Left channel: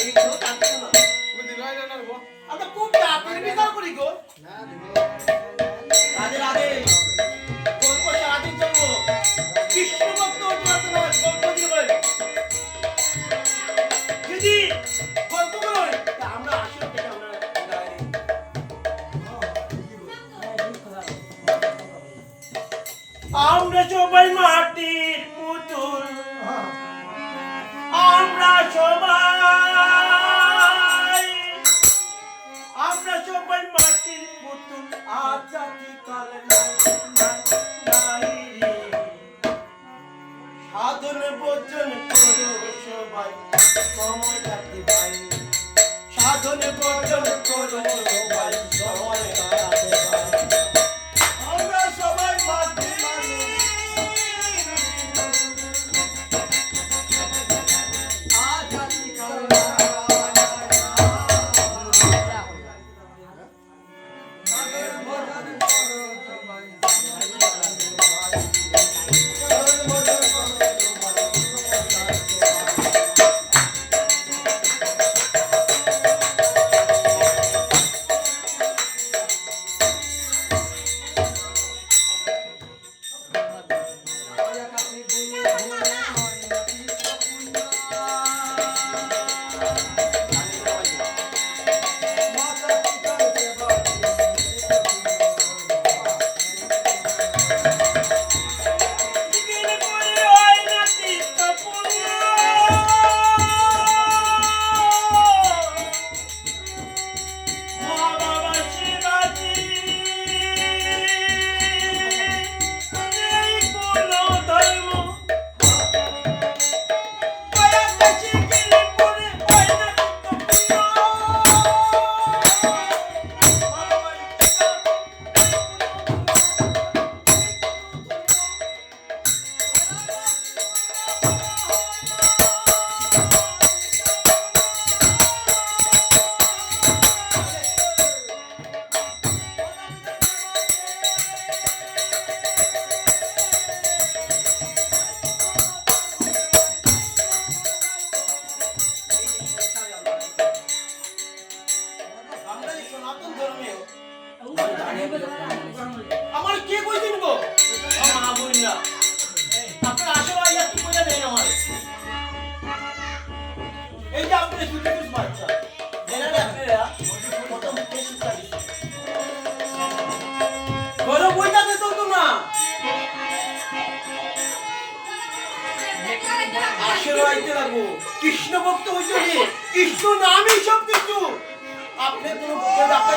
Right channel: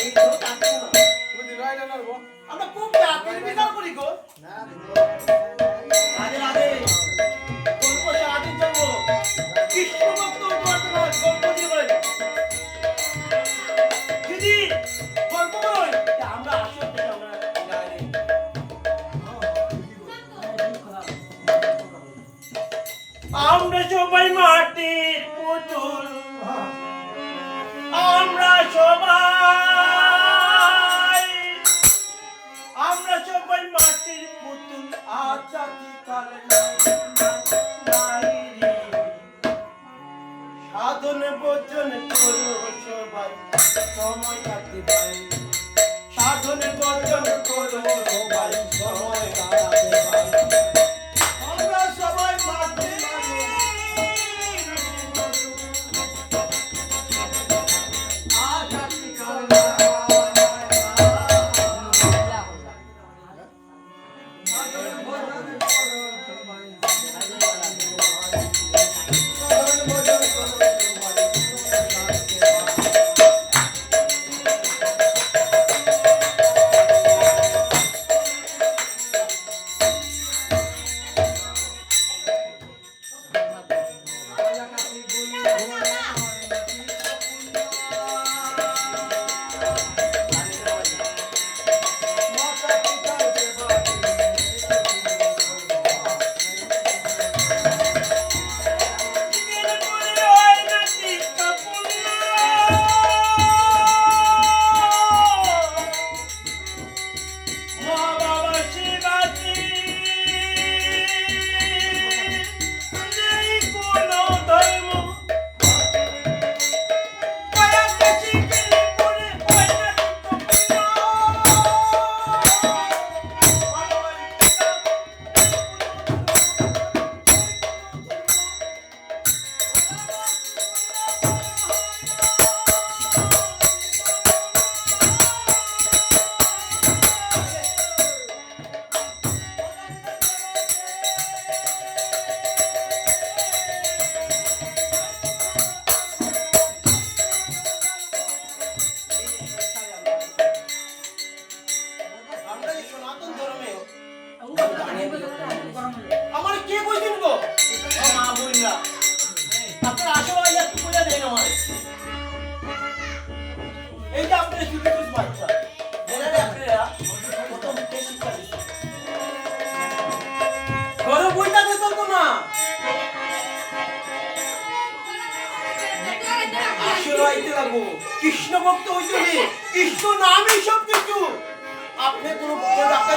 এই তো না। আমরা খুব বিচার করি গো। রাধে রাধে। গল্প সারাদিন চলবো। কৃষ্ণ আমরা সবাই মাটির পুতুল। আমরা সবাই আমরা সবাই মাটির পুতুল। কাল। সাধন করো সবাই, সময় সাধন ভোজন করো সবাই আমার কে ও মা দেন আমার? বাচ্চা। জেনারে আপনারা প্রথম কে শিক্ষা বইটা না। কৃষ্ণ ভক্ত হইতে কৃষ্ণ নামই সব কিছু আপনি কোনো ভক্তের ডাক্তার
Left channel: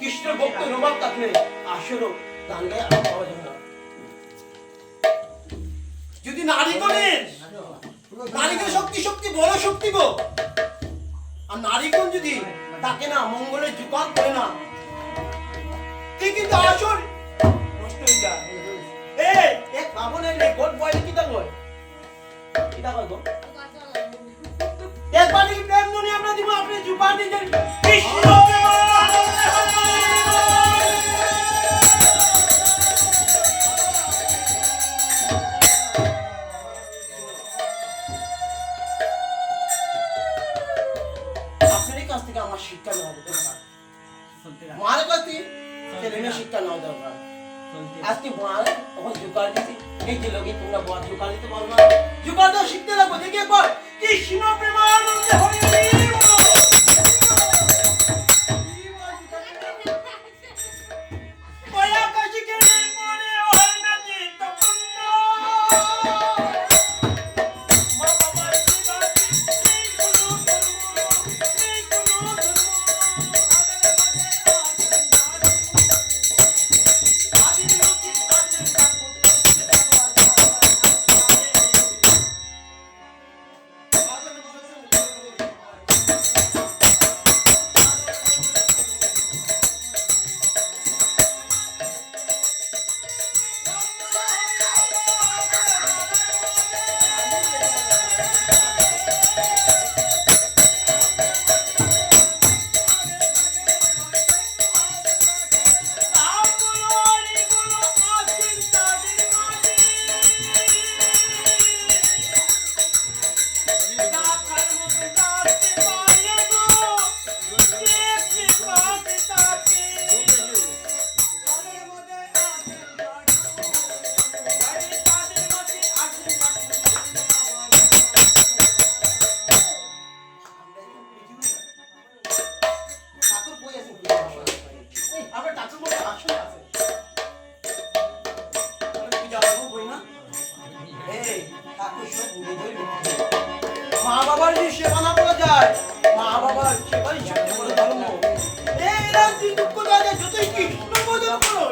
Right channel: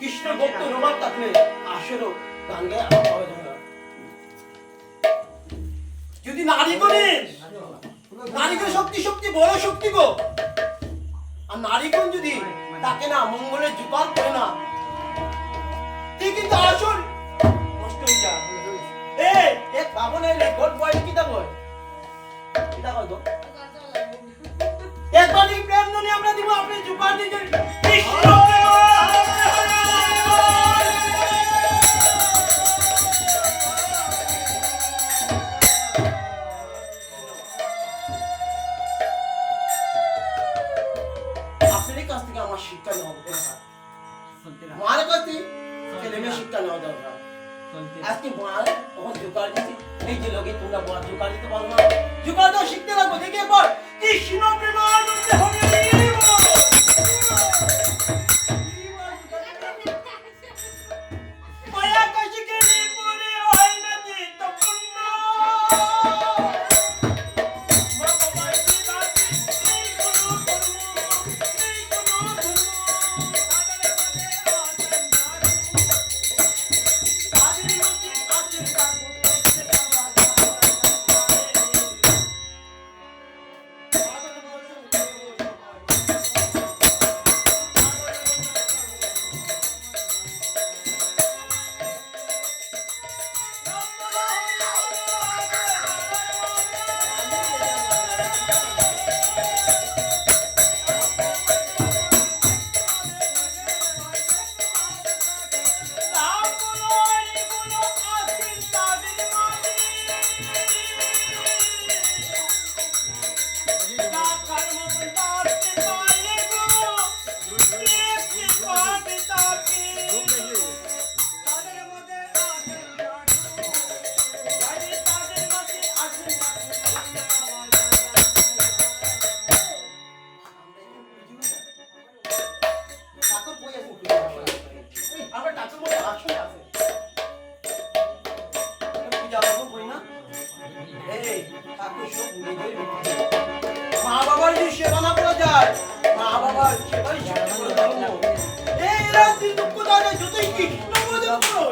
কৃষ্ণ ভক্ত নবাব থাকলে আসরও গান গায়ে পাওয়া যাবে না। যদি নারী করেন নারীকে শক্তি শক্তি, বড় শক্তি গো। আর নারীগণ যদি তাকে না, মঙ্গলের জোগাড় করে না, তুই কিন্তু নষ্ট হয়ে যা। এ এক একবার প্রেম আমরা দিব, আপনি দিয়ে দেন কৃষ্ণ আজকে বড় তখন জোগাড় দিতে। এই যে লোকে, তোমরা বোনা জোগাড় দিতে পারো না। জোগাড় দাও শিখতে লাগবো দেখে পর। কৃষ্ণ প্রেমানন্দে হরি। মা বাবার যে সেবা না করা যায়, মা বাবার সেবাই সেবা করা ধর্ম। এরাও কিন্তু দুঃখ দেয় যতই কৃষ্ণ বোধ করো